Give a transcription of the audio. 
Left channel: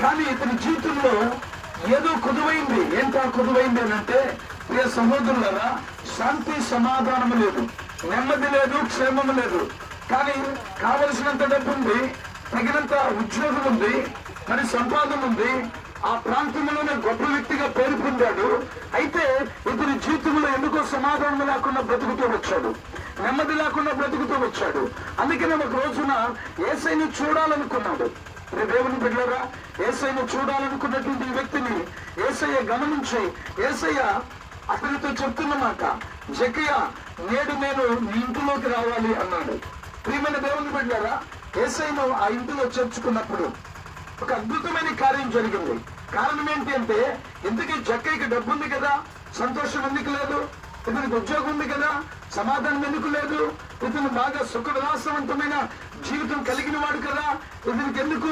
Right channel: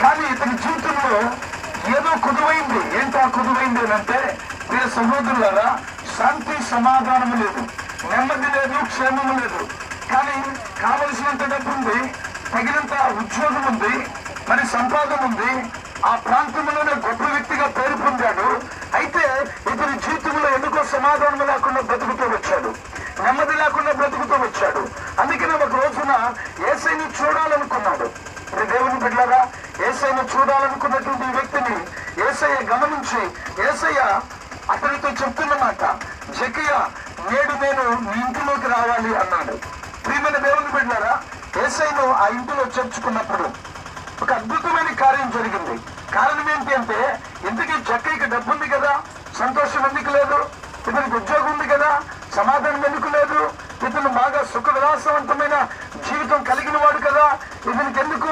కానీ ఇతని జీవితంలో ఏదో కుదువైంది. ఏంటో కుదువైంది అంటే, ప్రియ సహోదరులారా, శాంతి సమాధానము లేదు, నెమ్మది లేదు, క్షేమము లేదు. కానీ కావలసినంత డబ్బు ఉంది, తగినంత ఉద్యోగం ఉంది, మరి సంపాదన ఉంది, ఆ ప్రాంతంలోనే గొప్ప వ్యక్తిగా పేరు పొందాడు. అయితే ఇతని జీవితంలో ఎందుకో సమాధానం లేకుండా బ్రతుకుతూ వచ్చాడు, నెమ్మది లేకుండా బ్రతుకుతూ వచ్చాడు. అందుకనే ఒక రోజున యేసయ్యని చూడాలనుకున్నాడు. దేవుని బిడ్డలారా, యేసయ్యను చూడాలనుకున్నటువంటి వ్యక్తిని యేసయ్య గమనించి యేసయ్య అతనితో చెప్తున్నమాట, జక్కయ్య, నేడు నేను నీ ఇంటిలోకి రావాలి అన్నాడు. ప్రియమైన దేవుని బిడ్డలారా, యేసయ్యను ఆ ఇంటిలో చేర్చుకున్నప్పుడు ఒక అద్భుతమైన కార్యం జరిగింది. కారణం ఏంటి అంటే, ఇంతకీ జక్కయ్యకి డబ్బు ఉంది కదా, సంతోషం ఎందుకు లేదు? ఇతనికి ఉద్యోగం ఉంది కదా, సమాధానం ఎందుకు లేదు? ఇతను బాగా సుఖ విలాసవంతమైన జీవితం కలిగిన వాడు కదా, ఇతనికి ఎందుకు